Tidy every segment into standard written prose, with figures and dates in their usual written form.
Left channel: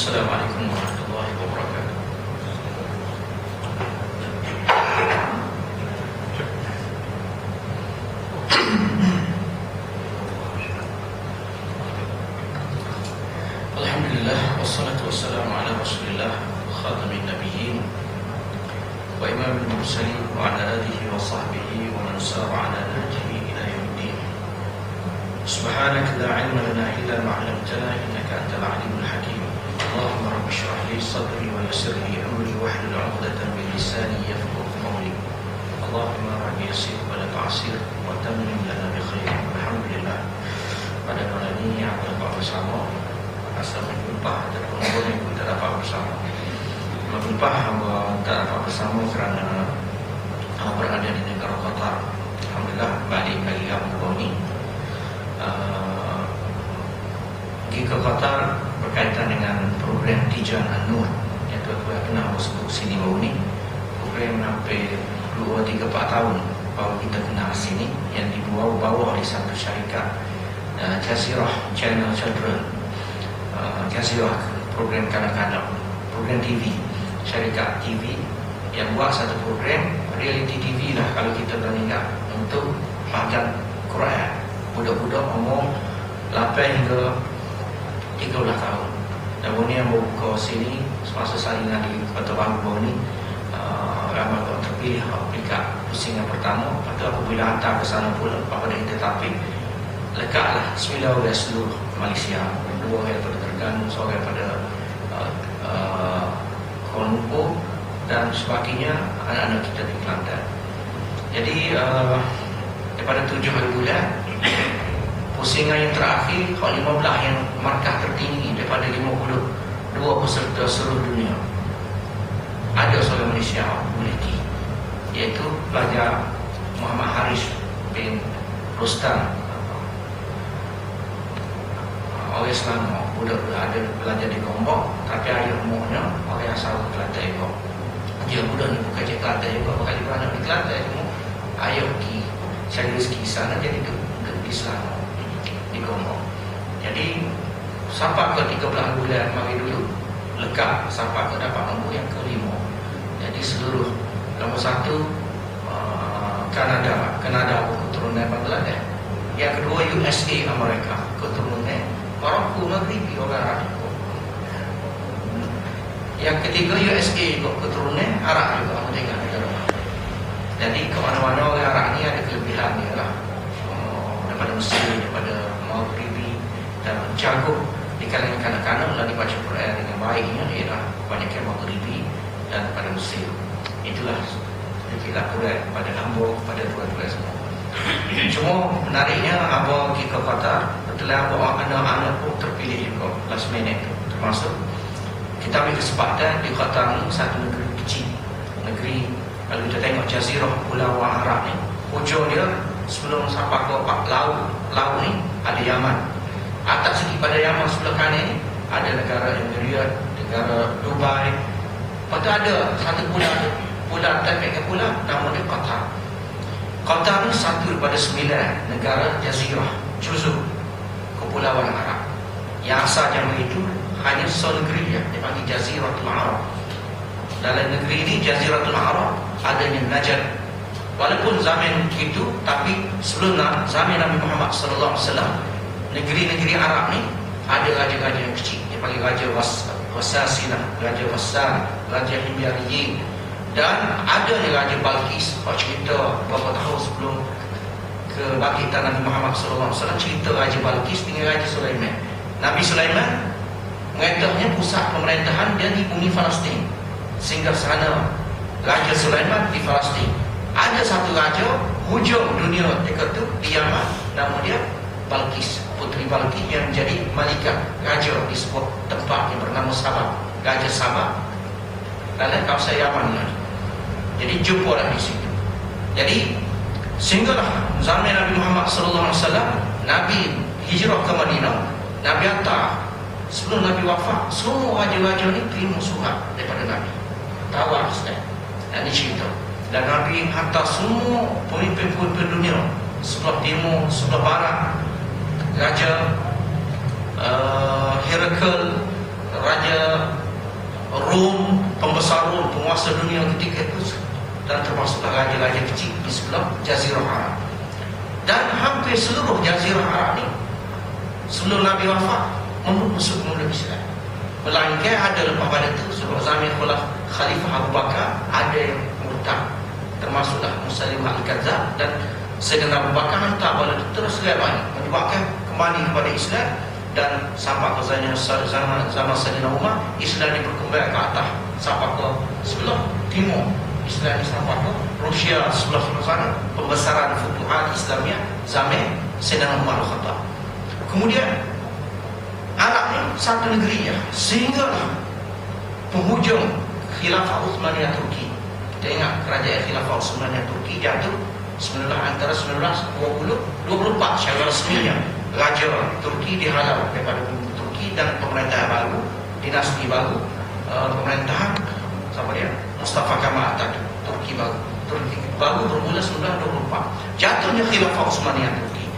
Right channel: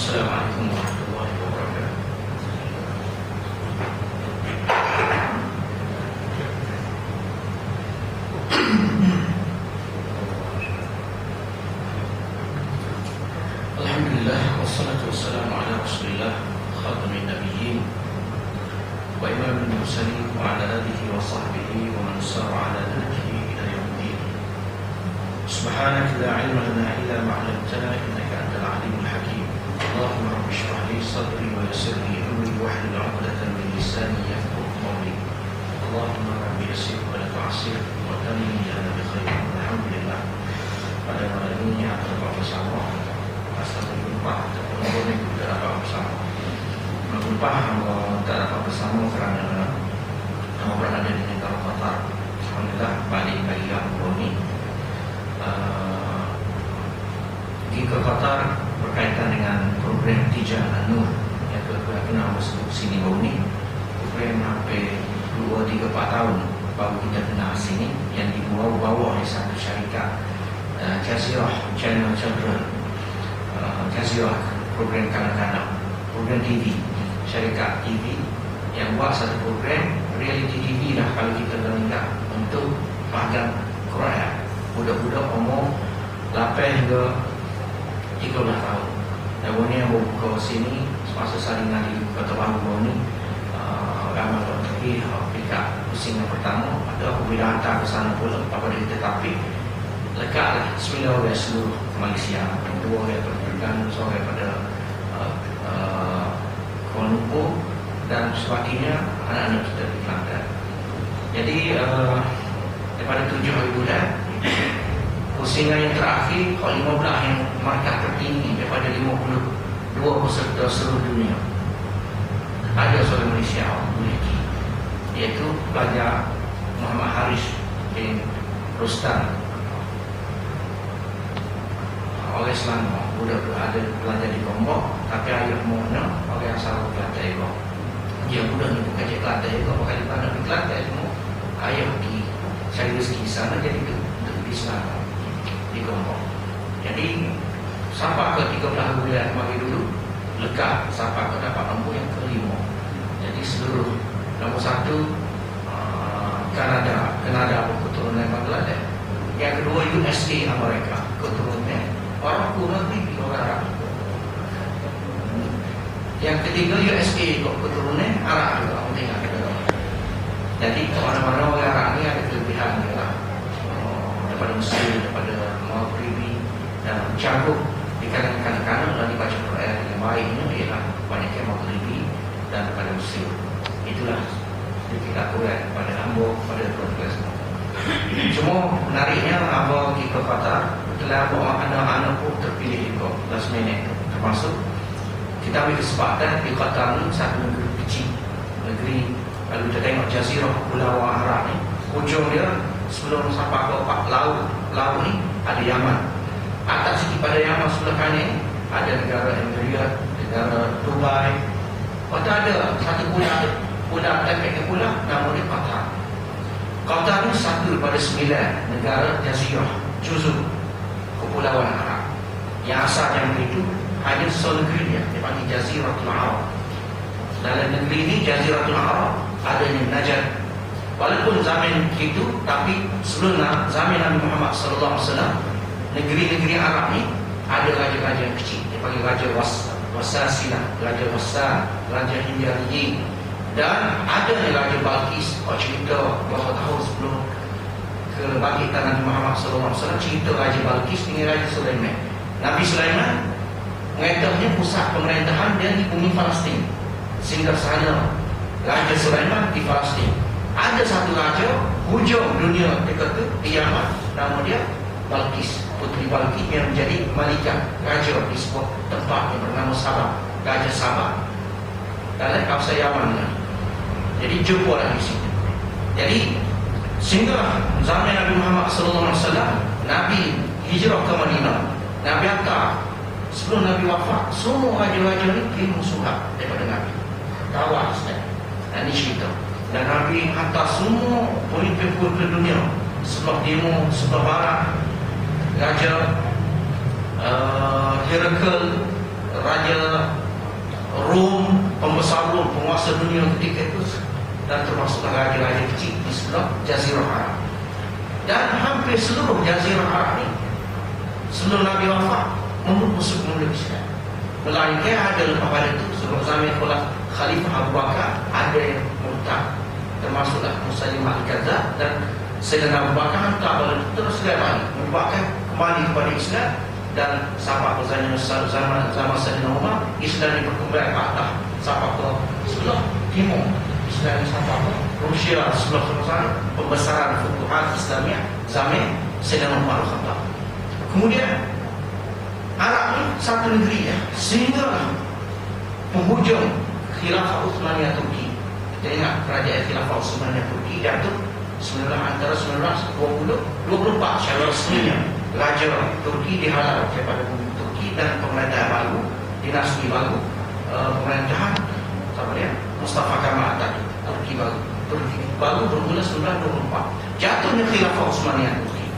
Assalamualaikum warahmatullahi wabarakatuh. Alhamdulillah, wassalatu wassalamu ala rasulillah khatamin nabiyyin wa imamil mursalin wa ala alihi wa sahbihi wa man sara ala nahjihi ila yaumiddin. Subhanaka la ilma lana illa ma 'allamtana innaka antal alimul hakim. Allahumma rabbi shrah li sadri wa yassir li amri wahlul 'uqdatam min lisani yafqahu qawli. Allahumma rabbi yassir wa la tu'assir wa tammim lana bi khair. Alhamdulillah, pada malam ini kita dapat bersama asal berjumpa ataupun boleh kita dapat bersama. Berjumpa hamba tak dapat bersama kerana berada di negara Qatar. Alhamdulillah, balik dari yang ini pergi ke Qatar berkaitan dengan program Tijan An-Nur yang kita sebut sini ini. Program hampir 2-3-4 tahun baru kita kenal sini, yang dibawa oleh satu syarikat Jazirah Channel Children, Jazirah program kanak-kanak, program TV, syarikat TV yang buat satu program reality TV lah kalau kita bandingkan, untuk pelajar Quran budak-budak umur 8 hingga 13 tahun. Dan ini yang membuka sini semasa salinan di Kota Baru ni, ramai orang terpilih aplikasi pusingan pertama, atau apabila hantar ke sana pula apabila tetapi lekatlah 9 orang seluruh Malaysia, 2 yang terganggu seorang pada Kuala Lumpur dan sebagainya, anak-anak kita di Kelantan. Jadi daripada 7 bulan pusingan yang terakhir, 15 yang markah tertinggi daripada 52 peserta seluruh dunia ada seorang Malaysia memiliki, iaitu pelajar Muhammad Haris bin Rustan, orang Islam. Budak ada belajar di Gombak, tapi ayah muhnya orang asal Kelantan juga. Dia budak ni bukan cik Kelantan juga, bukan di mana di Kelantan semua. Ayah pergi cari rezeki sana, jadi ke Islam di Gombak. Jadi sampai ke 13 bulan mari dulu lekat, sampai ke dapat nombor yang kelima. Jadi seluruh nombor 1 Kanada keturunan Bangladesh, yang kedua USA Amerika keturunan orang Maghribi, orang Arab. Yang ketiga USA keturunan Arab juga, jadi ke mana-mana orang Arab ni ada kelebihan dia lah, daripada Mesir, daripada Maghribi, dan cakup di kalangan kanak-kanak dan dibaca Quran yang baik ini ialah banyak yang Maghribi dan daripada Mesir. Itulah sedikit Quran pada hamba pada 12 semua. Cuma menariknya abang pergi ke Qatar, betul abang anak-anak pun terpilih juga last minute, termasuk kita ambil kesempatan di Qatar ni, satu negeri kecil, negeri kalau kita tengok Jazirah Pulau Arab ni, ujung dia sebelum sampai ke laut ni ada Yaman. Atas sikit pada Yaman sebelah kanan ada negara Emirates, negara Dubai. Lepas ada satu pulau efek pulau nama dia Qatar. Qatar ni satu daripada 9 negara Jazirah Juzur Kepulauan Arab yang asalnya begitu, hanya satu negeri dia dipanggil Jaziratul Arab. Dalam negeri ini Jaziratul Arab adanya Najd. Walaupun zaman itu, tapi sebelum zaman Nabi Muhammad SAW, negeri-negeri Arab ni ada raja-raja yang kecil. Dia panggil Raja Wasasilah, Raja Wassan, Raja Himyariyin, dan ada Raja Balkis. Kalau cerita beberapa tahun sebelum kebangkitan Nabi Muhammad SAW, cerita Raja Balkis dengan Raja Sulaiman. Nabi Sulaiman mengetahnya pusat pemerintahan dia di bumi Palestin, sehingga sana Raja Sulaiman di Palestin. Ada satu raja hujung dunia dekat tu di Yaman, nama dia Balkis, Puteri Balkis, yang menjadi malika raja di sebuah tempat yang bernama Sabah, Raja Sabah, dalam kawasan Yaman. Jadi jumpalah di situ. Jadi sehinggalah zaman Nabi Muhammad SAW, Nabi hijrah ke Madinah, Nabi hantar sebelum Nabi wafat, semua raja-raja ni terima surat daripada Nabi, tawar sedang. Dan ini cerita. Dan Nabi hantar semua pemimpin-pemimpin dunia, sebelah timur, sebelah barat, Raja Herakl, Raja Rom, pembesar Rom, penguasa dunia ketika itu, dan termasuklah raja-raja kecil di sebelah Jazirah Arab. Dan hampir seluruh Jazirah Arab ini sebelum Nabi wafat musuh kemudian Islam. Melainkan ada lepas pada itu sebab zaman Khalifah Abu Bakar ada yang murtad, termasuklah Musailimah Al-Kadzdzab, dan Sayyidina Abu Bakar hantar bala terus balik membuatkan kembali kepada Islam. Dan sampai ke zaman Sayyidina Umar, Islam ini berkembang ke atas sampai ke sebelah timur. Islam ini sampai ke Rusia sebelah sana, pembesaran Futuhat Islamiyah zaman Sayyidina Umar Al-Khattab. Kemudian Arab ini satu negeri ya, sehinggalah penghujung Khilafah Utsmaniyah Turki. Kita ingat kerajaan Khilafah Utsmaniyah Turki jatuh antara 1924 secara resminya. Raja Turki dihalau daripada bumi Turki dan pemerintah baru, dinasti baru, pemerintahan siapa dia? Mustafa Kemal tadi, Turki baru bermula 1924. Jatuhnya Khilafah Utsmaniyah Turki.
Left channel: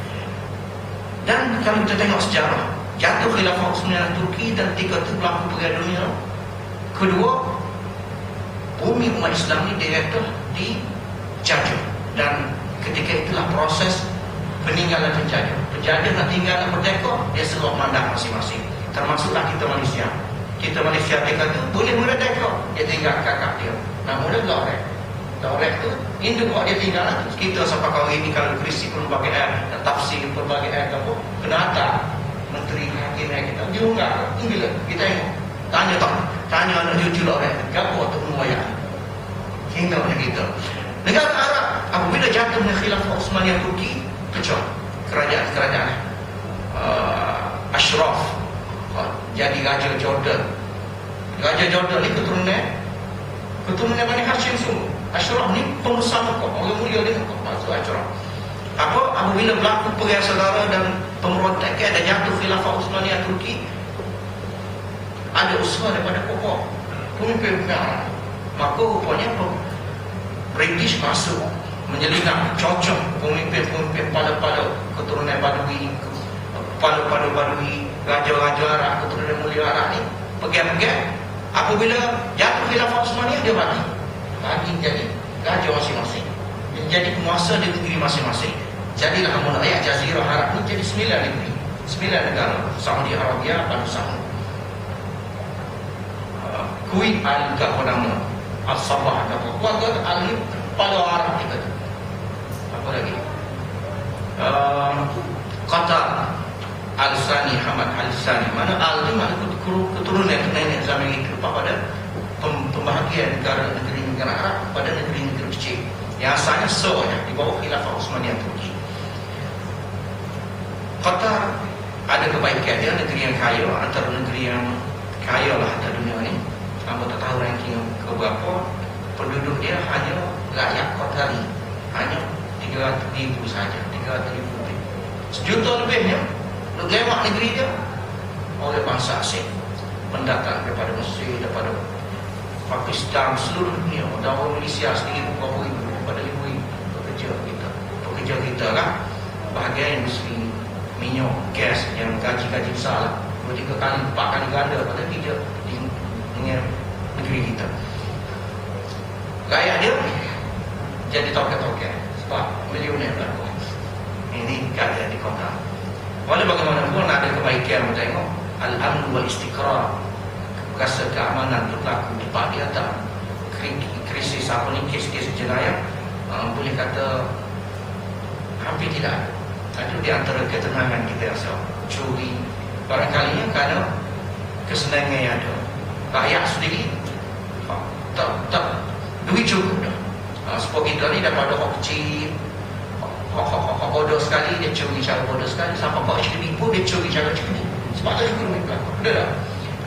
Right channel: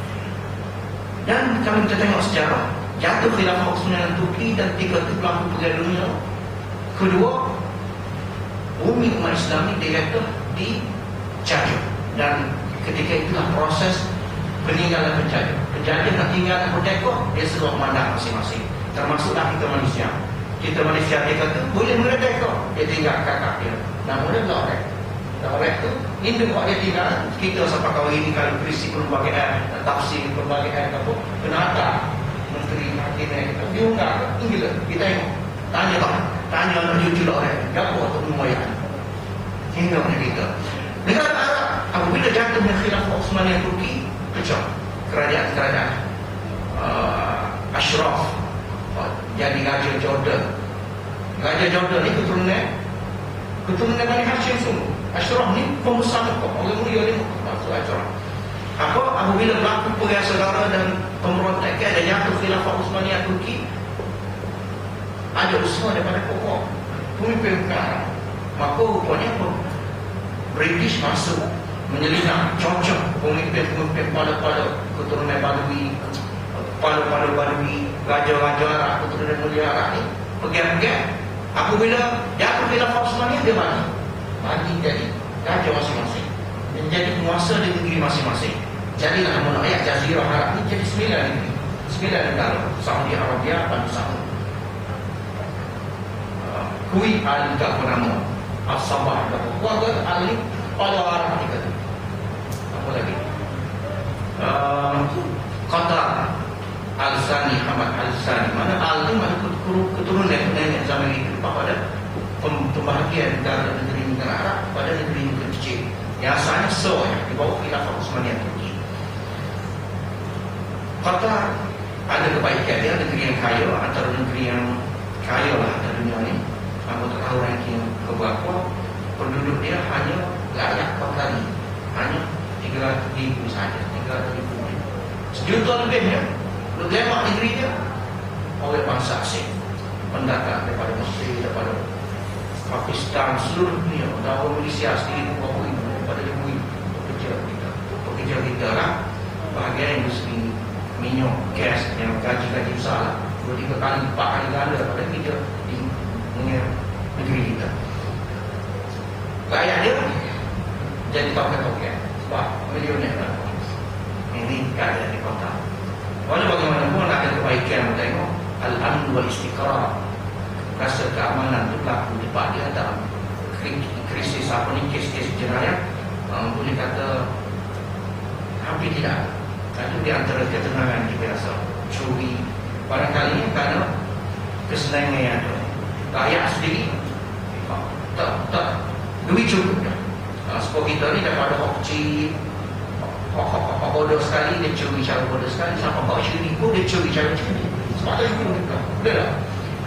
Dan kalau kita tengok sejarah, jatuh Khilafah Utsmaniyah Turki dan tiga itu berlaku Perang Dunia Kedua, bumi umat Islam ini dijajah, dan ketika itulah proses peninggalan penjajah. Penjajah nak tinggal merdeka, dia seluruh mandat masing-masing. Termasuklah kita Malaysia. Kita Malaysia dia kata boleh merdeka, dia tinggal kakak dia. Namun dia Lorek tu induk dia tinggal. Kita sampai kau ini kalau krisis pelbagai ayat, tafsir pelbagai ayat apa, kena hantar menteri hakimnya kita. Dia enggak, tinggal kita tengok. Tanya anak cucu Lorek, gapo untuk memoyak. Hingga kita. Negara Arab apabila jatuhnya Khilafah Utsmaniyah Turki, pecah kerajaan Ashraf jadi Raja Jordan. Raja Jordan ni keturunan Bani Hashim semua. Ashraf ni pengusaha Mekah, orang mulia dia masuk Ashraf. Apabila berlaku perang saudara dan pemberontakan ada jatuh Khilafah Utsmaniyah Turki, ada usaha daripada pokok pemimpin perang. Maka rupanya British masuk menyelinap, cocok pemimpin pada keturunan Badui, raja-raja Arab, keturunan mulia Arab ni pegang-pegang. Apabila jatuh Khilafah Utsmaniyah, dia bagi jadi raja masing-masing, dia jadi penguasa di negeri masing-masing. Jadilah nama ayat Jazirah Arab ni jadi 9 negeri, 9 negara. Saudi Arabia, Banu Samud, Kuwait Al-Ghafarama, Al-Sabah, Al-Ghafarama, Al-Arab tiga tu. Apa lagi? Qatar, Al-Sani, Hamad Al-Sani. Mana Al itu mana keturunan nenek zaman itu pada pembahagian negara Arab pada negeri-negeri kecil. Yang asalnya di bawah Khilafah Utsmaniyah Turki. Qatar ada kebaikan, dia negeri yang kaya, antara negeri yang kaya lah di dunia ni. Kamu tak tahu ranking keberapa, penduduk dia hanya rakyat Qatari hanya 300,000 saja, 300,000. Sejuta lebihnya lemak negeri itu oleh bangsa asing mendatang daripada Mesir, daripada Pakistan, seluruh dunia, dan orang Malaysia sendiri berapa ribu, daripada ribu pekerja kita lah. Bahagian yang mesti minyak, gas yang gaji besar 2-3 kali, 4 kali ganda daripada kerja di negeri kita. Rakyat dia jadi token-token sebab milioner lah. Ini keadaan di kota. Walau bagaimanapun ada kebaikan, kita tengok al-amn wal istiqrar, rasa keamanan itu berlaku di tempat dia. Tak krisis apa ni, kes-kes jenayah boleh kata hampir tidak ada. Itu di antara ketenangan kita rasa. Curi barangkali kerana kesenangan yang ada. Rakyat sendiri tak duit cukup dah. Sebab kita ni daripada hak kecil, hak bodoh sekali, dia curi cara bodoh sekali, sampai hak curi pun dia curi cara curi. Sebab tu kita betul tak?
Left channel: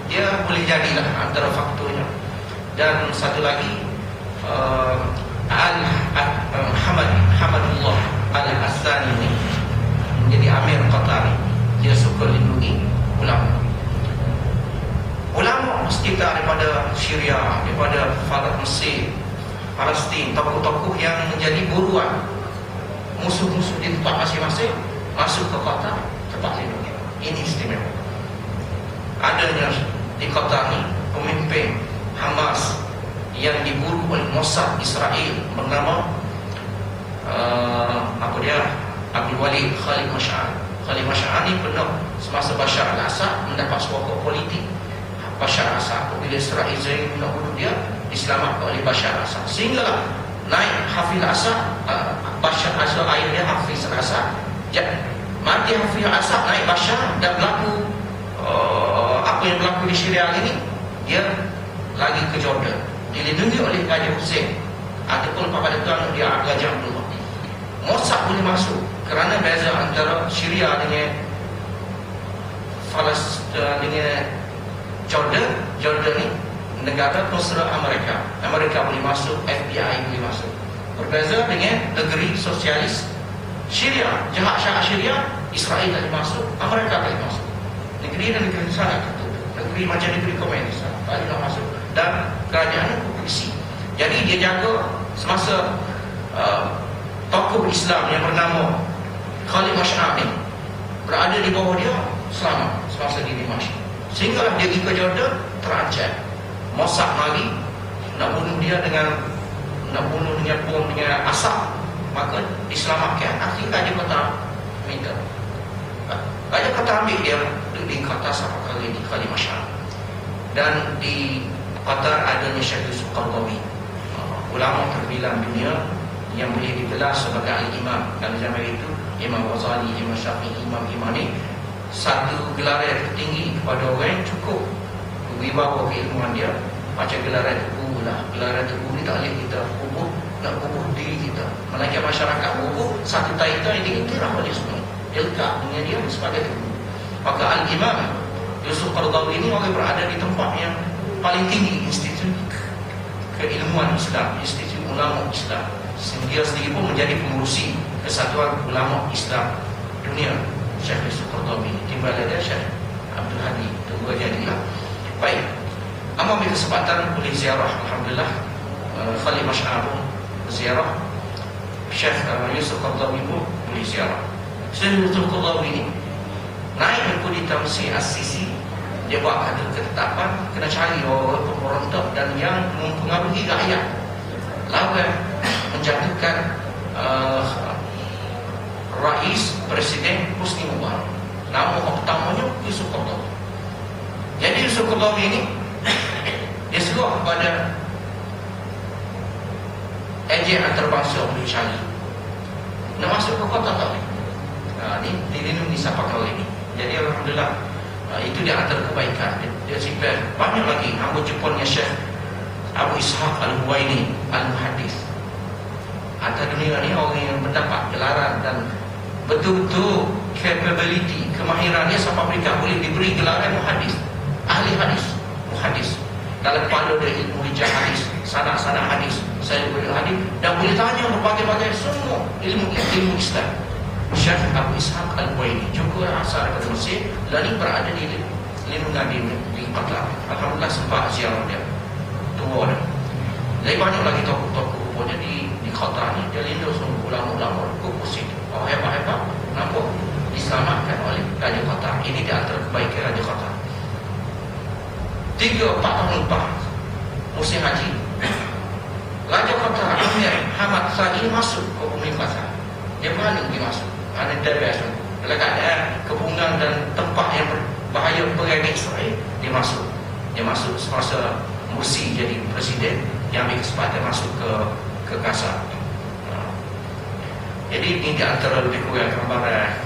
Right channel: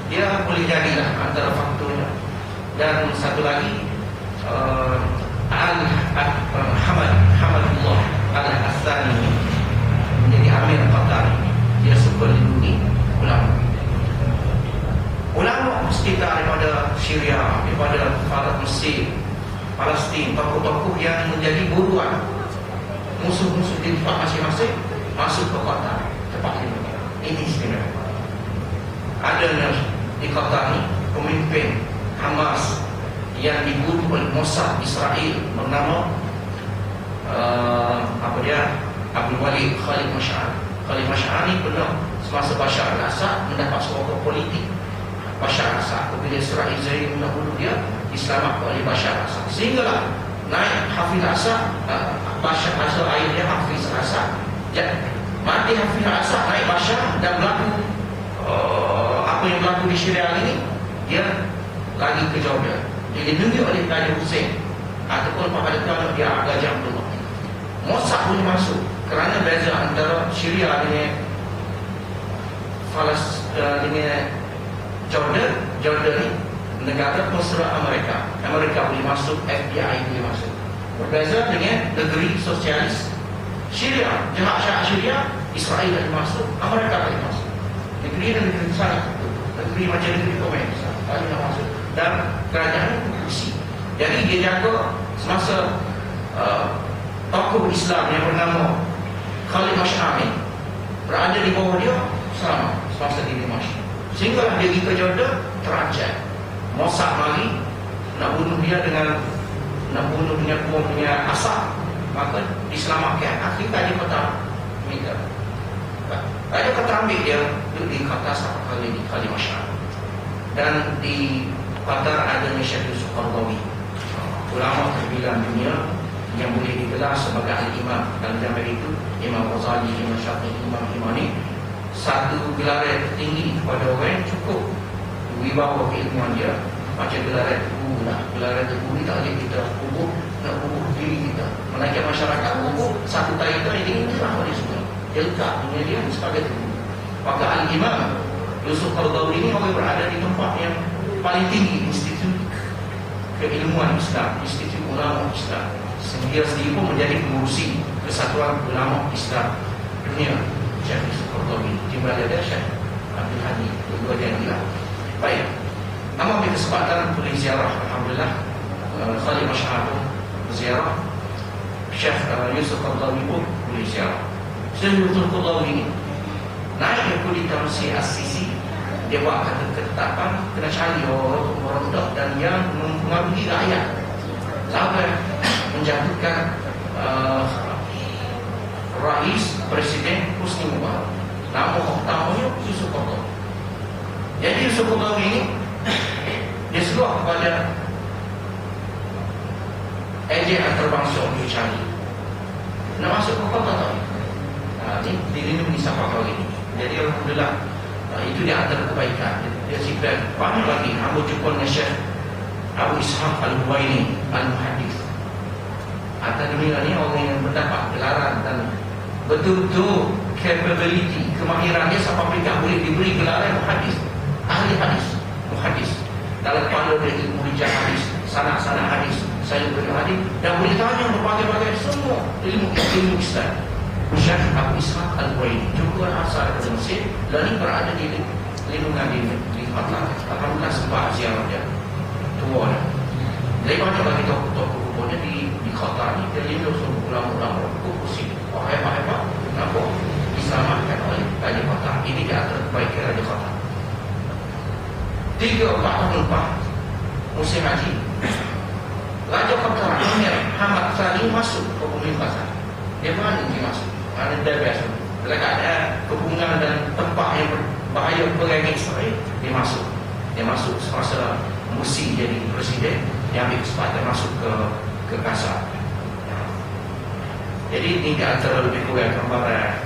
Dia boleh jadilah antara faktornya. Dan satu lagi, Hamadullah Al-Hassani menjadi Amir Qatar. Dia suka lindungi ulama. Ulama sekitar daripada Syria, daripada Mesir, Palestin, tokoh-tokoh yang menjadi buruan musuh-musuh di tempat masing-masing masuk ke Qatar, tempat lindungi. Ini istimewa. Adanya di Qatar ni, pemimpin Hamas yang diburu oleh Mossad Israel bernama Abdul Walid Khalid Mash'al. Khalid Mash'al ni pernah semasa Bashar al-Assad mendapat sokong politik Bashar al-Assad. Apabila Israel nak bunuh dia, diselamatkan oleh Bashar al-Assad. Sehinggalah naik Hafiz al-Assad, Bashar al-Assad, ayah dia Hafiz al-Assad. Mati Hafiz al-Assad, naik Bashar, dan berlaku apa yang berlaku di Syria ini, dia lagi ke Jordan, dilindungi oleh Raja Hussein ataupun pada tuan dia Gajah Abdullah. Mossad boleh masuk kerana beza antara Syria dengan dengan Jordan ni negara mesra Amerika. Amerika boleh masuk, FBI boleh masuk. Berbeza dengan negeri sosialis Syria, jahat Syah Syria, Israel boleh masuk, Amerika boleh masuk. Negeri sana, negeri macam negeri komunis boleh masuk, dan kerajaan polisi. Jadi dia jaga semasa tokoh Islam yang bernama Khalid Mash'al ni berada di bawah dia selama semasa di Dimashq. Sehingga dia pergi ke Jordan terancam. Mossad lagi nak bunuh dia dengan bom, dengan asap, maka diselamatkan. Akhirnya dia kata minta. Dia kata ambil dia di Qatar satu kali di Khalid Mash'al. Dan di Qatar adanya Syekh Yusuf Qaradawi, ulama terbilang dunia yang boleh digelar sebagai al-imam. Dan zaman itu Imam Ghazali, Imam Syafi'i, imam-imam ni satu gelaran tertinggi kepada orang yang cukup wibawa keilmuan dia. Macam gelaran tubuh lah, gelaran tubuh ni tak boleh kita kubur, nak kubur diri kita. Melainkan masyarakat kubur satu taitan yang diiktiraf oleh semua, dia lekat dunia dia sebagai tubuh. Maka al-imam Yusuf Qaradawi ini orang berada di tempat yang paling tinggi, institut keilmuan Islam, institut ulama Islam. Dia sendiri pun menjadi pengurusi Kesatuan Ulama Islam Dunia, Syekh Yusuf Qaradawi. Timbal ada Syekh Abdul Hadi, kedua jadilah. Baik, ambil kesempatan boleh ziarah, alhamdulillah. Khalid Mash'al pun ziarah, Syekh Yusuf Qaradawi pun boleh ziarah. Syekh Yusuf Qaradawi naik ke di Tamsi As-Sisi, dia buat satu ketetapan kena cari orang pemberontak dan yang mempengaruhi rakyat lawan menjatuhkan Rais Presiden Husni Mubarak. Nama utamanya Yusuf Qaradawi. Jadi Yusuf Qaradawi ini dia seruak kepada ejen antarabangsa untuk cari nak masuk ke kota tau. Ini dilindungi siapa kali ini. Jadi alhamdulillah, itu dia antara kebaikan. Dia cakap banyak lagi. Aku jumpa dengan Syekh Abu Ishaq Al-Huwaini Al-Muhaddis. Atas dunia ni orang yang mendapat gelaran dan betul-betul capability, kemahirannya sampai mereka boleh diberi gelaran muhaddis, ahli hadis, muhaddis. Dalam pada dia ilmu rijal hadis, sanak-sanak hadis, saya boleh hadis dan boleh tanya berbagai-bagai semua ilmu Islam. Syekh Abu Ishaq Al-Huwaini juga asal dari Mesir, lalu berada di lindungan di Qatar. Alhamdulillah sempat ziarah dia. Tua dah. Lebih banyak lagi tokoh-tokoh kuburnya di Qatar ni. Dia lindung semua ulama-ulama kubur situ. Orang hebat-hebat, kenapa? Diselamatkan oleh Raja Qatar. Ini di antara kebaikan Raja Qatar. 3-4 tahun lepas musim haji, Raja Qatar ingat Hamad Sari masuk ke pemerintahan. Dia berani dia masuk kerana dia biasa letaknya kepungan dan tempat yang berbahaya perang Israel. Dia masuk semasa Mursi jadi presiden. Dia ambil kesempatan masuk ke Gaza. Jadi ini di antara lebih kurang gambaran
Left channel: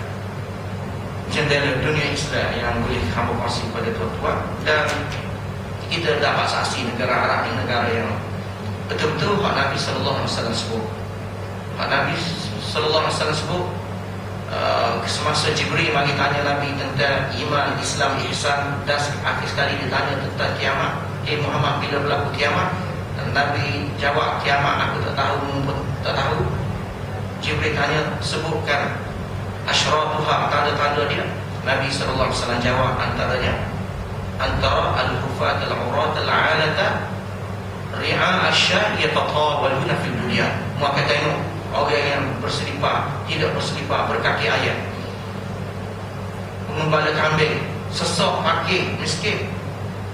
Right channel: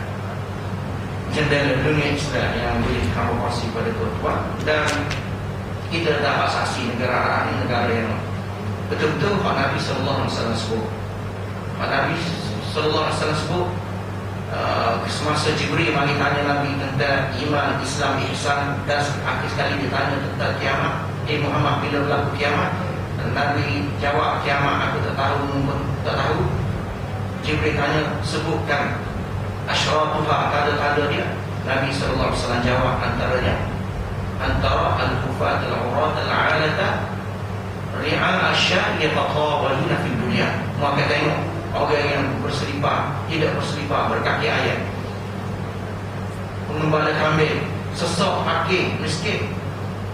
jendela dunia Islam yang boleh hamba kongsi pada tuan-tuan. Dan kita dapat saksi negara Arab ini negara yang betul-betul Nabi sallallahu alaihi wasallam sebut. Nabi sallallahu alaihi wasallam sebut semasa Jibril bagi tanya Nabi tentang iman, Islam, ihsan, dan akhir sekali ditanya tentang kiamat. Muhammad, bila berlaku kiamat? Dan Nabi jawab, kiamat aku tak tahu. Jibril tanya, sebutkan asyratuha, tanda-tanda dia. Nabi sallallahu alaihi wasallam jawab, antaranya antara al-hufat al-urat al-alata ri'a asya yatatawaluna fil dunia. Maka tengok orang yang berselipar, tidak berselipar, berkaki ayam, mengembala kambing, sesak, fakir, miskin,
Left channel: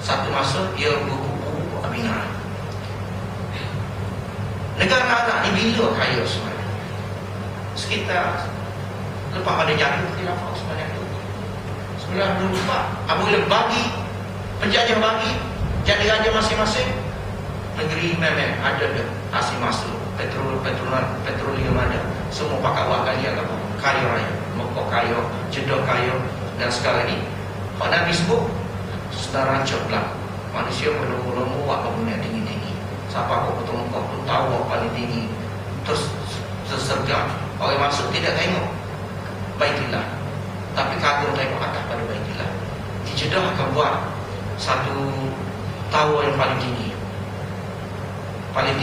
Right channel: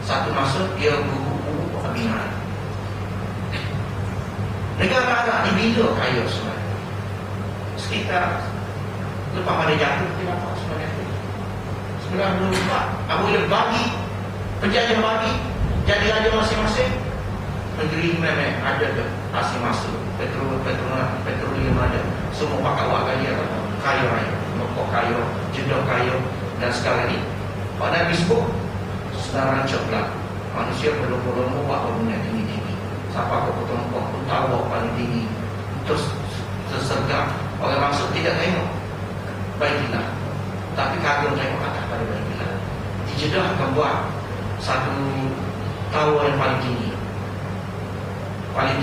Satu masa dia berkubu abingan. Negara Arab ni bila kaya sebenarnya? Sekitar lepas pada jatuh khilafah sebenarnya itu 1924. Apabila bagi penjajah bagi jadi raja masing-masing, negeri memang ada hasil masuk petroleum ada, semua pakai wak kaya apa? Kaya raya, Mekah kaya, Jeddah kaya, dan sekarang ni Pak Nabi sebut sedang rancak pula manusia berlomba-lomba wak bangunan tinggi-tinggi. Siapa kau betul Mekah pun tahu wak paling tinggi. Terus sesergap orang masuk tidak tengok Baitullah, tapi kagum tengok atas pada Baitullah. Di Jeddah akan buat satu tower yang paling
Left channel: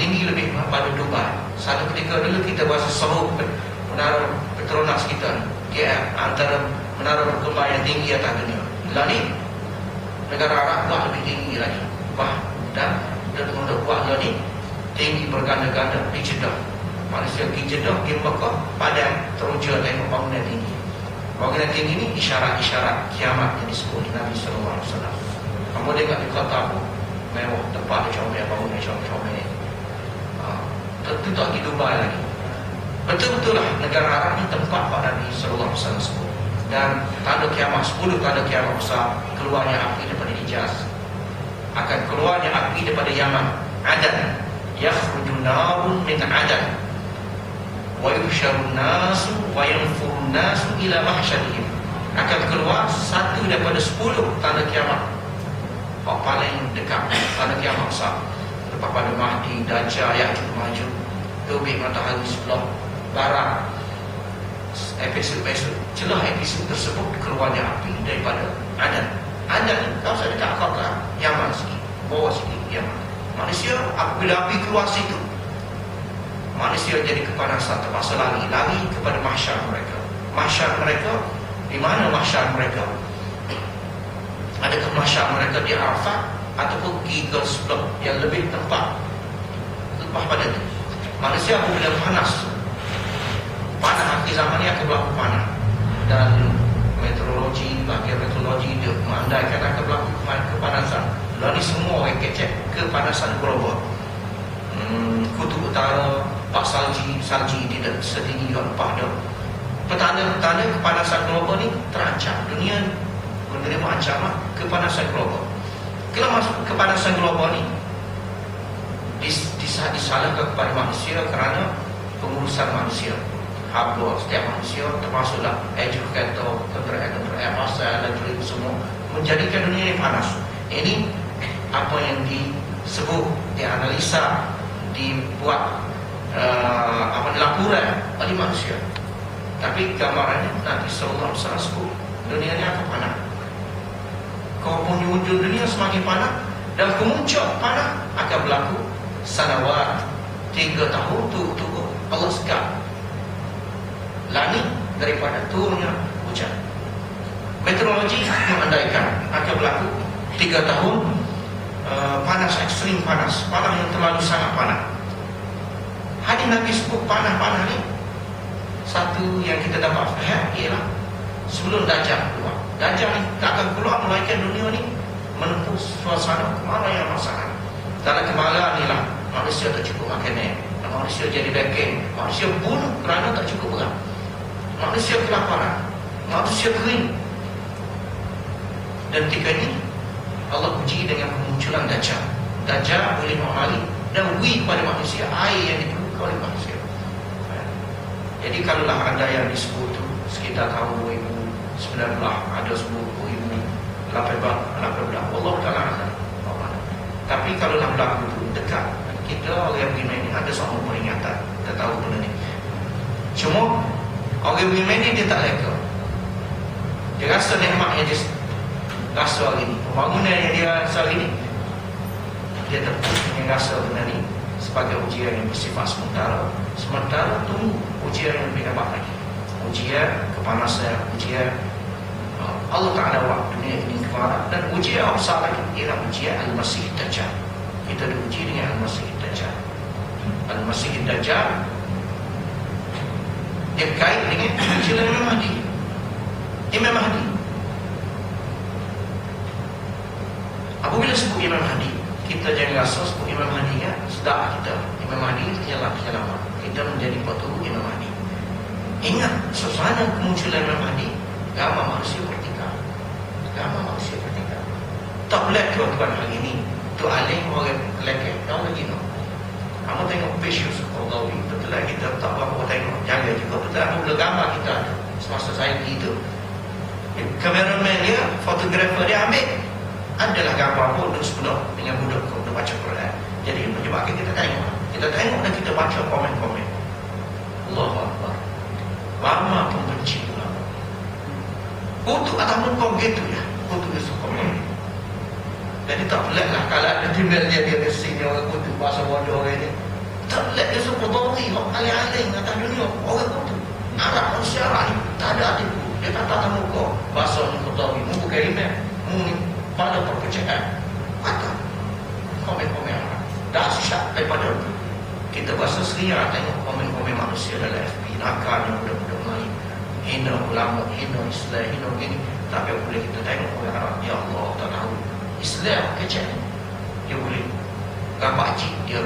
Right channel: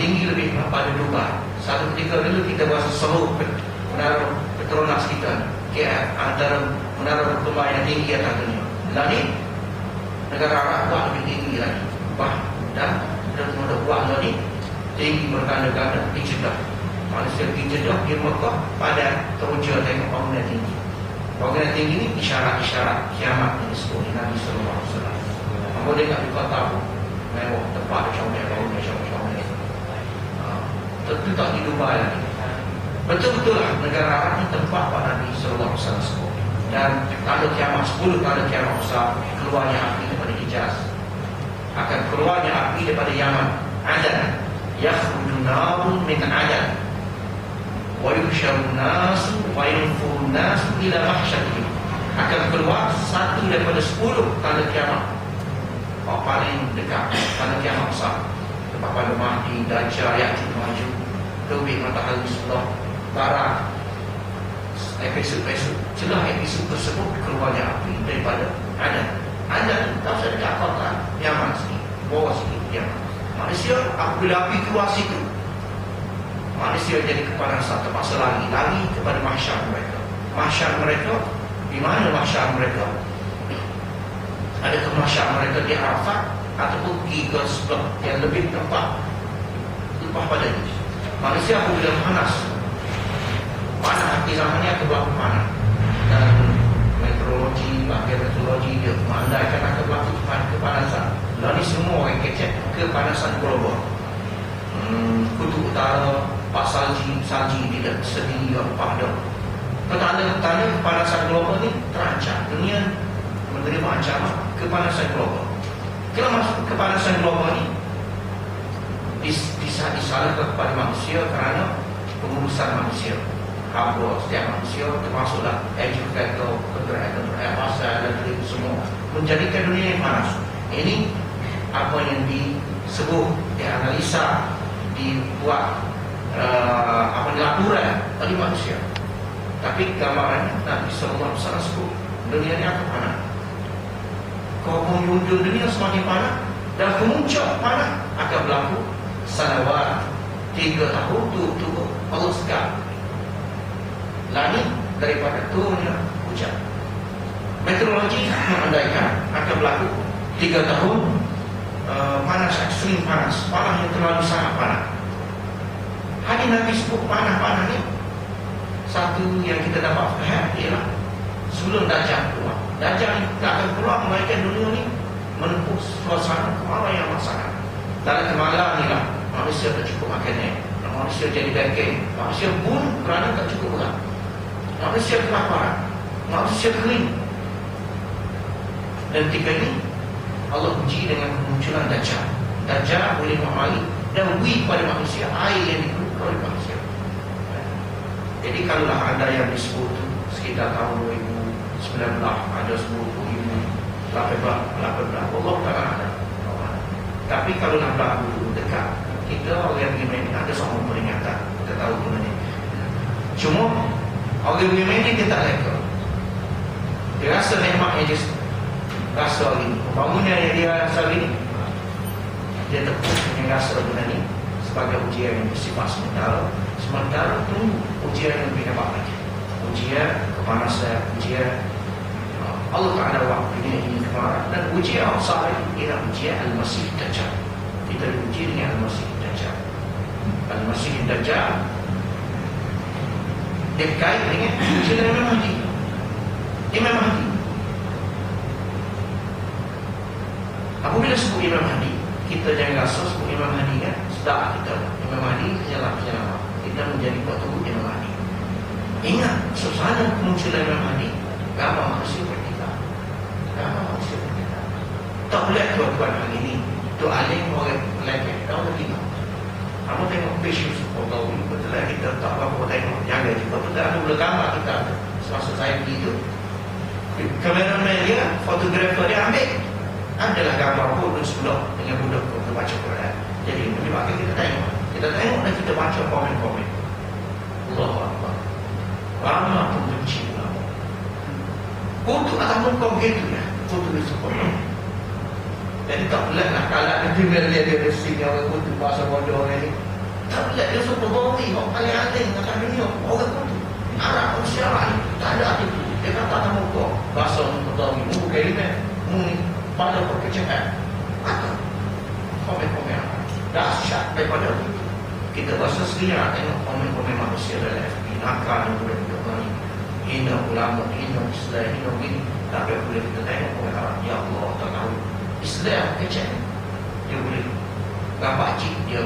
tinggi lebih pada Dubai. Satu ketika dulu kita bahasa seluruh menara Petronas kita, KL, antara menara berkembang yang tinggi atas dunia. Lalu negara Arab buat lebih tinggi lagi, dan mudah buat lagi tinggi berganda-ganda di Jeddah. Manusia di Jeddah, di Mekah, Padang teruja tengok bangunan tinggi. Bangunan tinggi ini isyarat-isyarat kiamat yang disebut Nabi Sallallahu Alaihi Wasallam. Kamu dengar berkata mewah tempat comel bangunan comel ini. Tentu tak di Dubai lagi. Betul-betul lah negara Arab ini tempat Pak Nabi Sallallahu Alaihi Wasallam sebut. Dan tanda kiamat 10 tanda kiamat besar, keluarnya api daripada Hijaz, akan keluarnya api daripada Yaman, Adan, yakhruju narun min Adan, wa yuhsyarun nasu wa yanfurun nasu ila mahsyarihim. Akan keluar satu daripada 10 tanda kiamat paling dekat, tanda kiamat besar. Pada Mahdi, Dajjal, Ya'juj Ma'juj, terbit matahari sebelah barat. Episod-episod, celah episod tersebut keluarnya api daripada Adan. Kalau saya dekat kau kan Yaman sikit, bawah sikit Yaman. Manusia apabila api keluar situ, manusia jadi kepanasan, terpaksa lari kepada mahsyar mereka. Mahsyar mereka, di mana mahsyar mereka? Adakah mahsyar mereka di Arafat ataupun pergi ke sebelah yang lebih tempat lepas pada ini? Manusia apabila panas di zaman ini akan berlaku panas, dan meteorologi dia mengandaikan akan berlaku kepanasan. Lalu semua orang kecek kepanasan global. Kutub utara pak salji tidak setinggi empah dah. Petanda-petanda kepanasan global ni terancam. Dunia menerima ancaman kepanasan global. Kalau masuk kepanasan global ni disalahkan kepada manusia kerana pengurusan manusia. Habis setiap manusia termasuklah educator, keberanian, dan semua menjadikan dunia yang panas. Ini apa yang disebut, dianalisa, dibuat laporan oleh manusia. Tapi gambarannya Nabi Sallallahu Alaihi Wasallam sebut dunia ini akan panas. Kalau penghujung dunia semakin panas, dan kemuncak panas akan berlaku sanawat 3 tahun turun Allah sekali langit daripada turunnya hujan. Meteorologi mengandaikan akan berlaku 3 tahun panas, ekstrim panas yang terlalu sangat panas. Hadis Nabi sebut panas ni, satu yang kita dapat faham ialah sebelum Dajjal keluar. Dajjal tak akan keluar melainkan dunia ni menempuh suasana kemarau yang sangat. Dalam kemarau ni lah manusia tak cukup makanan, manusia jadi daging, manusia bunuh kerana tak cukup berat, manusia kelaparan, manusia kering. Dan tiga ni Allah uji dengan kemunculan Dajjal. Dajjal boleh mengamali dan uji pada manusia air yang diperlukan oleh manusia. Jadi kalaulah ada yang disebut sekitar tahun 2019 ada 10,000, 18 Allah Ta'ala ada. Tapi kalau nak berlaku dekat, kita orang beriman ini ada seorang peringatan. Kita tahu benda ni. Cuma orang beriman ini dia tak leka. Dia rasa nikmat yang dia rasa hari ini, pembangunan yang dia rasa hari ini, dia tepuk dengan rasa benda ni sebagai ujian yang bersifat sementara tunggu ujian yang lebih hebat lagi. Ujian kepanasan, ujian Allah Ta'ala buat dunia ini kemarau, dan ujian yang besar lagi ialah ujian Al-Masih Dajjal. Kita diuji dengan Al-Masih Dajjal. Al-Masih Dajjal dia berkait dengan ujian Imam Mahdi. Imam Mahdi Apabila sebut Imam Mahdi, kita jangan rasa sebut Imam Mahdi kan sedap kita. Imam Mahdi jalan kita menjadi peturut Imam Mahdi. Ingat, suasana kemunculan Imam Mahdi, gambar manusia kita. Gambar manusia kita. Tak boleh tuan-tuan hari ini. Tu alim orang lelaki, tak lagi no. Kamu tengok page Yusuf Qaradawi, betul lah kita tak berapa tengok, jaga juga. Betul lah, boleh gambar kita semasa saya begitu. Kameraman dia, fotografer dia ambil, adalah gambar bodoh sebelah dengan budak untuk baca Quran. Jadi menyebabkan kita tengok dan kita baca komen-komen. Allahu Akbar. Lama pembenci ulama. Kutuk ataupun kau gitu ya, kutuk Yusuf Qaradawi. Jadi tak boleh lah kalau dia tinggal dia bersihnya orang kutuk bahasa bodoh ini. Tak boleh dia Yusuf Qaradawi, orang alim-alim atas dunia, orang kutuk. Arab, manusia Arab ni tak ada hati. Dia kata tamu kau bahasa Qaradawi, mu kalimah, mu ni pada perpecahan. Maka komen-komen Arab dahsyat daripada kita bahasa seria tengok komen-komen manusia dalam FB nakal dan budak-budak lain, hina ulama, hina Islam, hina ini. Tapi boleh kita tengok orang Arab, ya Allah, tak tahu Islam kecil, dia boleh gambar cik dia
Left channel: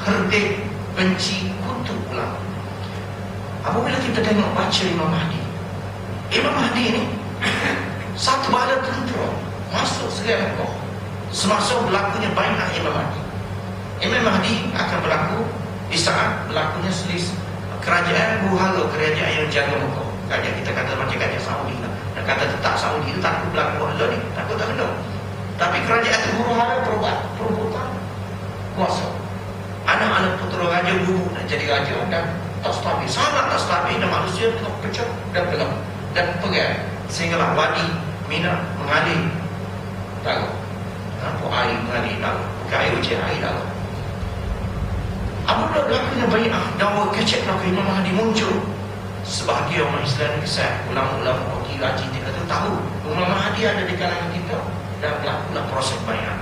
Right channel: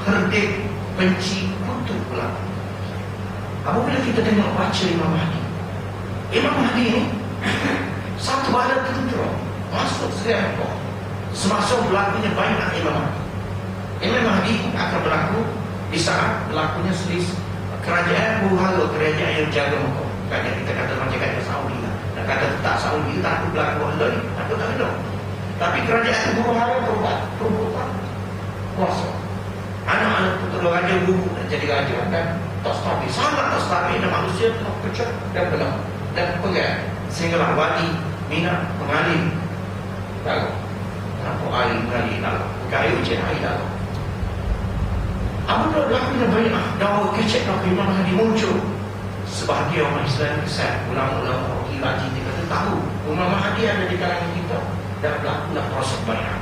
herdik, benci, kutuk ulama. Apabila kita tengok baca Imam Mahdi ini satu bala tentera masuk segala Mekah semasa berlakunya bai'ah Imam Mahdi. Imam Mahdi akan berlaku di saat berlakunya selisih kerajaan huru-hara, kerajaan yang jaga Mekah. Kerajaan kita kata macam kerajaan Saudi lah. Dan kata tetap Saudi itu takut berlaku Allah ni, takut tak ada. Tapi kerajaan itu huru-hara perebutan kuasa. Anak-anak putera raja guru dan jadi raja dan tak stabil, sangat tak stabil dan manusia telah pecah dan belah dan perang sehinggalah wadi Mina mengalir lalu nampak air mengalir lalu bukan air hujan, air lalu. Apabila berlakunya bai'ah dan orang kecek nak Imam Mahdi muncul, sebahagian orang Islam kesal, ulama-ulama orang raji dia kata tahu Imam Mahdi ada di kalangan kita dan berlakulah proses bai'ah.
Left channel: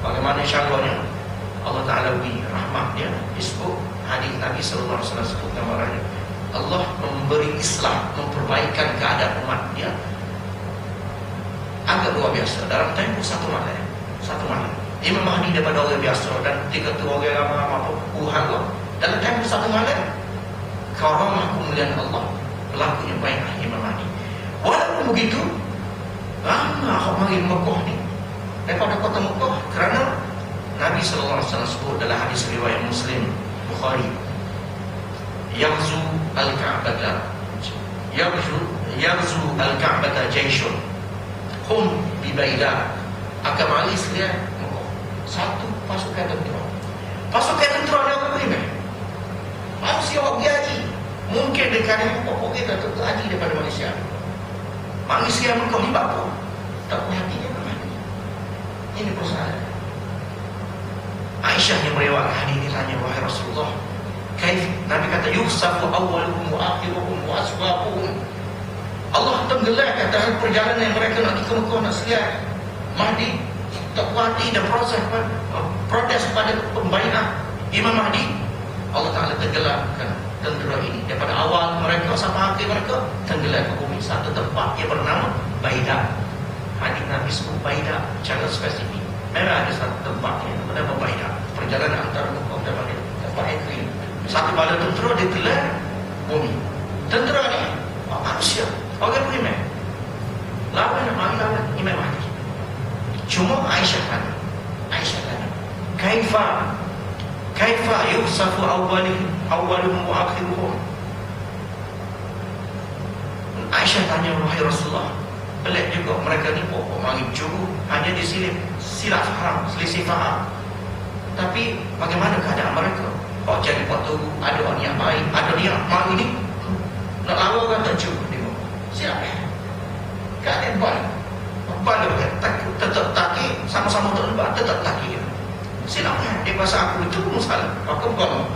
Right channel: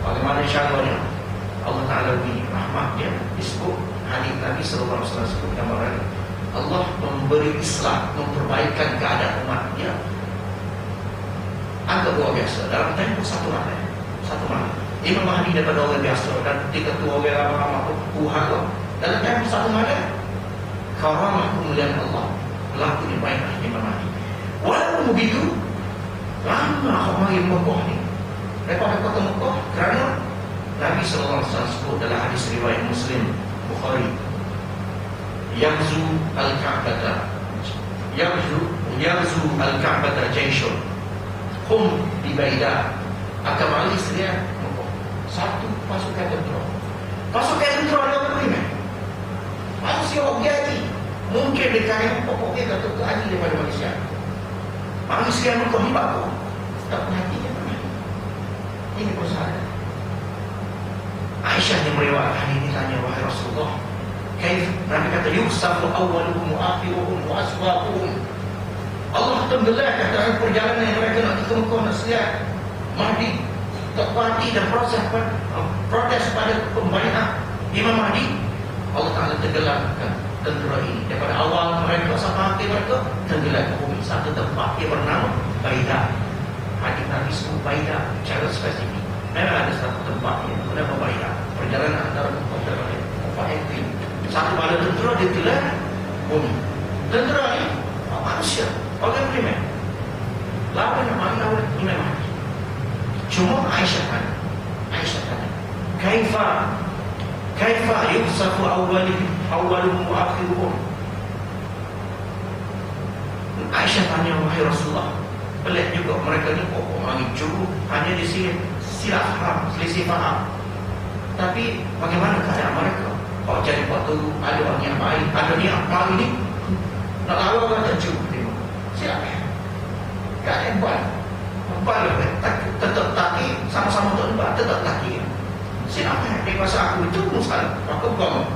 Bagaimana insyaAllahnya Allah Ta'ala beri rahmat dia disebut hadis Nabi sallallahu alaihi wasallam sebut gambarannya Allah memberi Islam, memperbaikan keadaan umatnya agak luar biasa dalam tempoh satu malam. Imam Mahdi daripada orang biasa dan ketika tu orang ramai-ramai puhara dalam tempoh satu malam karamah kemuliaan Allah berlakunya bai'ah Imam Mahdi. Walaupun begitu lama orang Mekah ni daripada kota Mekah kerana Nabi sallallahu alaihi wasallam sebut dalam hadis riwayat Muslim Bukhari, Yaghzu al-Ka'bata Yaghzu al-Ka'bata jayshun hum bi Baida, akan malis dia satu pasukan tentera. Pasukan tentera dia apa ni? Manusia orang haji. Mungkin dia kata pokok kita tu haji daripada Malaysia. Manusia Mekah ni apa? Tak punya hatinya apa? Ini persoalan. Aisyah yang meriwayatkan hadis ini tanya, wahai Rasulullah, kaif Nabi kata yusafu awwaluhum wa akhiruhum wa asbaquhum. Allah tenggelam kata perjalanan yang mereka nak ke Mekah nak selihat Mahdi, tak wadi dan protes pada pembai'ah Imam Mahdi. Allah Ta'ala tenggelamkan tentera ini daripada awal mereka sampai akhir mereka tenggelam ke bumi satu tempat yang bernama Baida. Hadis Nabi sebut Baida secara spesifik. Memang ada satu tempat yang bernama Baida. Perjalanan antara Mekah dan Madinah, tempat yang kering. Satu bala tentera ditelan bumi. Tentera ni manusia, orang beriman. Lawan yang mari lawan Imam Mahdi. Cuma Aisyah tanya, Kaifa yusafu awwaluhum wa akhiruhum. Aisyah tanya, wahai Rasulullah, pelik juga mereka ni pokok mari juru hanya di sini silap faham, selisih faham. Tapi bagaimana keadaan mereka? Kau jadi waktu ada orang yang baik, ada niat mari ni nak lawan orang tak juru tengok. Silap ya? Keadaan baik. Tetap taki, sama-sama terlibat, tetap taki. Silapnya, dia rasa aku itu musalah, maka bukan.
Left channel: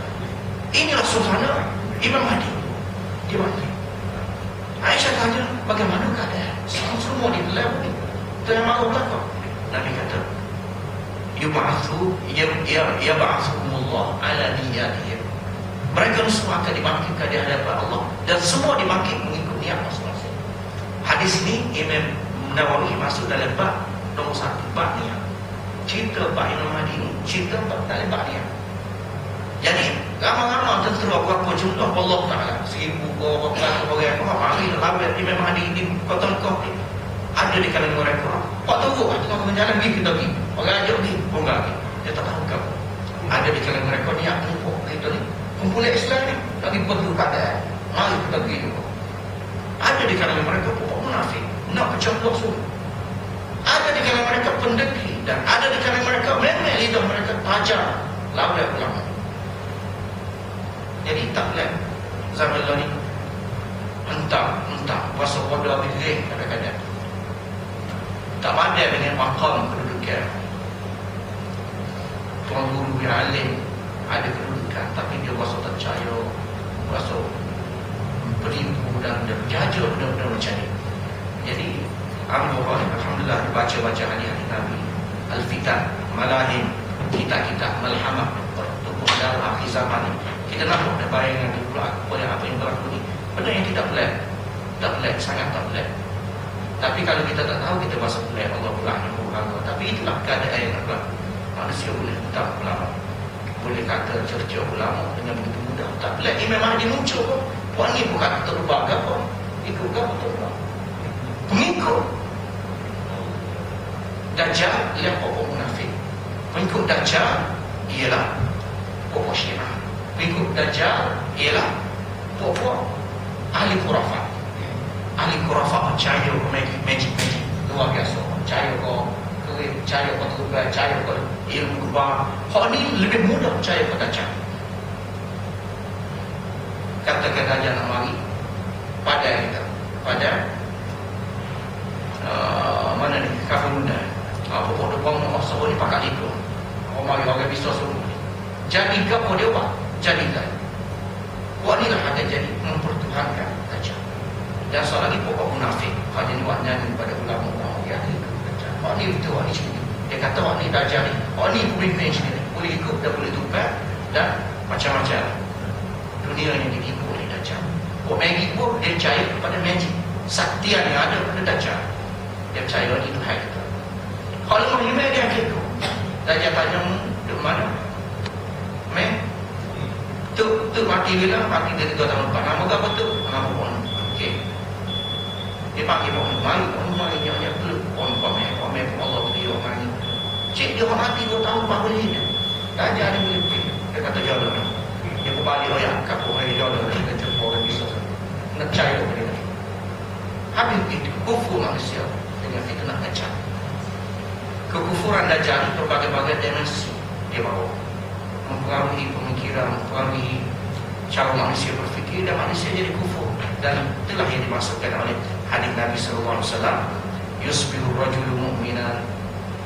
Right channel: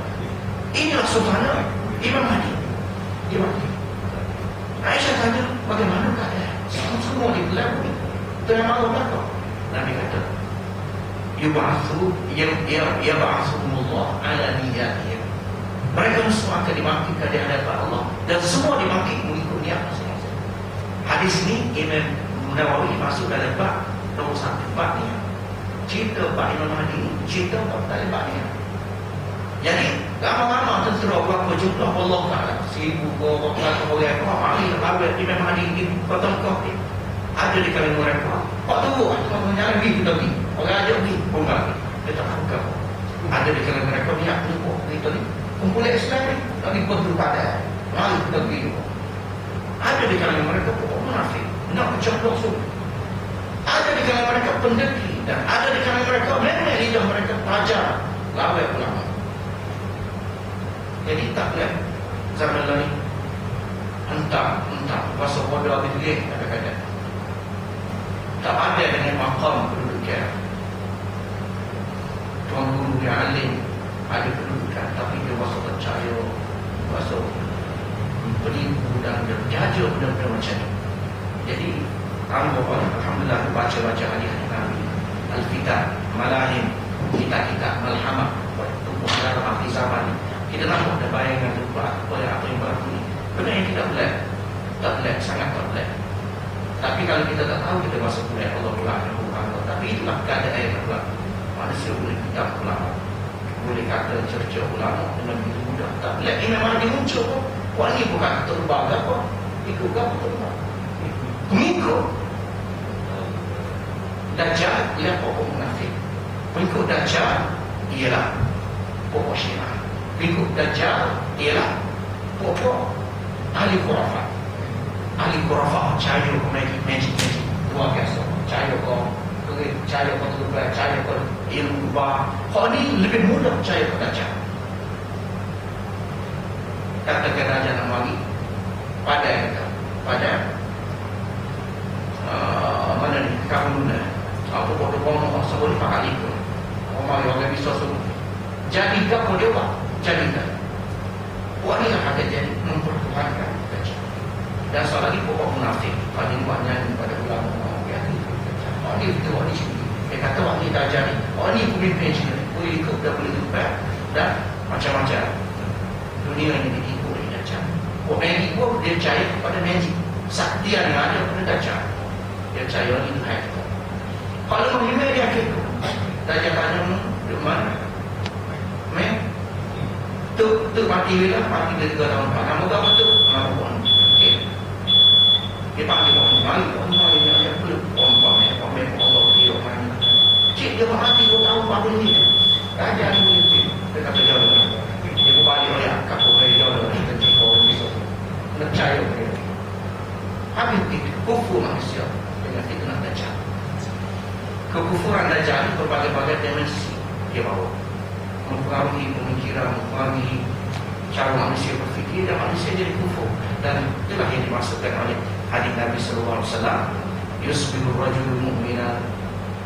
Inilah suasana Imam Mahdi. Dia mati. Aisyah tanya, bagaimana keadaan? Semua di dalam bumi. Dan mahu takut. Nabi kata, yab'athumullah ala niyatihim. Mereka semua akan dibangkitkan di hadapan Allah dan semua dibangkit mengikut niat masing-masing. Hadis ini Imam Nawawi masuk dalam bab nombor 1. Bab ni cerita bab Imam Mahdi ni, cerita dalam bab ni. Jadi ramai-ramai terserah berapa jumlah Allah Ta'ala 1000 orang hari labir Imam Mahdi di Kota Mekah ni ada di kalangan mereka. Pak turun tengah jalan pergi kita pergi, orang ajak pergi pun tak pergi. Dia tak tahu apa. Ada di kalangan mereka ni yang kumpul kita ni, kumpulan Islam ni lagi perlu pada mari kita pergi juga. Ada di kalangan mereka pokok munafik, nak bercampur semua. Ada di kalangan mereka pendekil, dan ada di kalangan mereka memang lidah mereka tajam lawan ulama. Jadi tak boleh zaman ni entah pasal bodoh pilih kadang-kadang tak ada dengan maqam kedudukan. Tuan guru yang alim ada kedudukan, tapi dia rasa percaya, rasa beribu dan berjaja benda-benda macam ni. Jadi alhamdulillah baca-baca hadis-hadis Nabi, Al-Fitan, Malahin, kitab-kitab Malhamah bertubuh dalam akhir zaman ni. Kita nampak ada bayangan terpulak oleh apa yang berlaku ni. Benda yang tidak boleh, sangat tak boleh. Tapi kalau kita tak tahu, kita masuk boleh Allah bilang Allah. Tapi itulah keadaan yang berlaku. Manusia boleh tak ulama, boleh kata cerca ulama dengan begitu mudah. Tak boleh. Ini memang dia muncul pun. Puan ni bukan terubah ke apa, ikut ke apa terubah, pengikut Dajjal ialah pokok munafik. Pengikut Dajjal ialah pokok Syiah. Pengikut Dajjal ialah pokok ahli khurafat. Ahli khurafat percaya ke magic luar biasa. Percaya ke kerib, percaya ke terubah, percaya ke ilmu kubah. Hak ni lebih mudah percaya ke Dajjal. Katakan Dajjal nak mari pada mana ni Kahuna, pokok depan nak semua ni pakai itu. Orang orang bisa semua. Jadi ke apa dia buat? Jadikan. Buat ni lah akan jadi mempertuhankan Dajjal. Dan soal lagi pokok munafik. Kalau dia buat nyanyi pada ulama-ulama dia ni Dajjal. Orang ni betul, orang ni sini. Dia kata orang ni Dajjal ni, orang ni pemimpin sendiri, boleh ikut dan boleh tukar dan macam-macam. Dunia yang diikut oleh Dajjal. Orang magic pun dia percaya kepada magic. Saktian yang ada pada Dajjal. Dia percaya ni Tuhan kita. Kalau lima dia akhir Dajjal tanya di mana? Tu mati bila? Mati dia 3 tahun lepas. Nama apa tu? Nama puan. Okey. Dia panggil puan. Mari dia peluk puan. Allah dia mari. Cik dia mati 2 tahun baru ni. Dajjal ni boleh pergi. Dia kata dia dah. Dia berbalik ya, kapur dia dah. Dia terima orang ni. Nak percaya dia. Habis itu kufur manusia dengan fitnah Dajjal. Kekufuran Dajjal berbagai-bagai dimensi dia bawa, mempengaruhi pemikiran, mempengaruhi cara manusia berfikir, dan manusia jadi kufur. Dan itulah yang dimaksudkan oleh hadis Nabi sallallahu alaihi wasallam, yusbihu rajulul mu'mina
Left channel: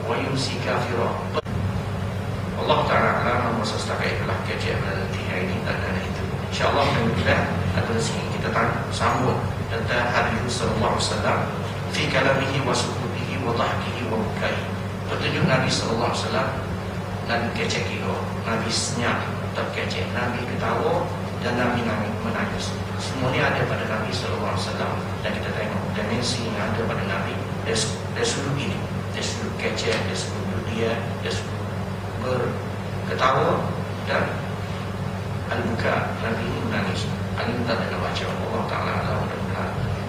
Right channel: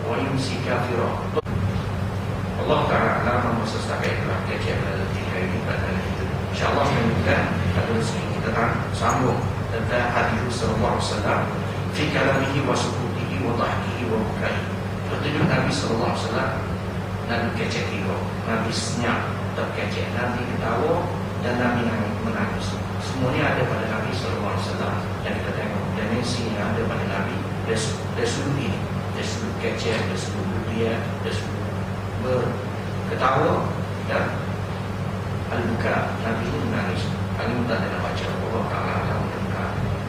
wa yumsi kafira. Allah Ta'ala alam masa setakat itulah kajian pada tiga ini dan itu. InsyaAllah pada sini kita sambung tentang hadis sallallahu alaihi wasallam fi kalamihi wa sukudihi wa tahkihi wa bukai. Petunjuk Nabi sallallahu alaihi wasallam. Nabi kecek juga, Nabi senyap, tak kecek, Nabi ketawa, dan Nabi menangis. Semua ini ada pada Nabi sallallahu alaihi wasallam. Dan kita tengok dimensi yang ada pada Nabi. Dia sudut ini, dia sudut kecek, dia sudut berdia, dia sudut berketawa, dan al-buka. Nabi ini menangis. Al-Mutan dan baca Allah Ta'ala alam dan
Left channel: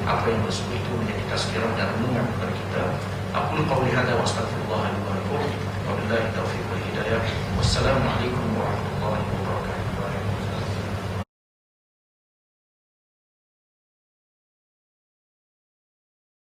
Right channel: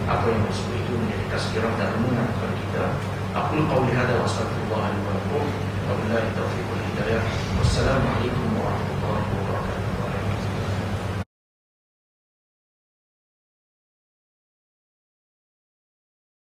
apa yang bersebut itu menjadi tazkirah dan renungan kepada kita. Aku qawli hadza wa astaghfirullah li wa lakum wa billahi taufiq wal hidayah. Wassalamualaikum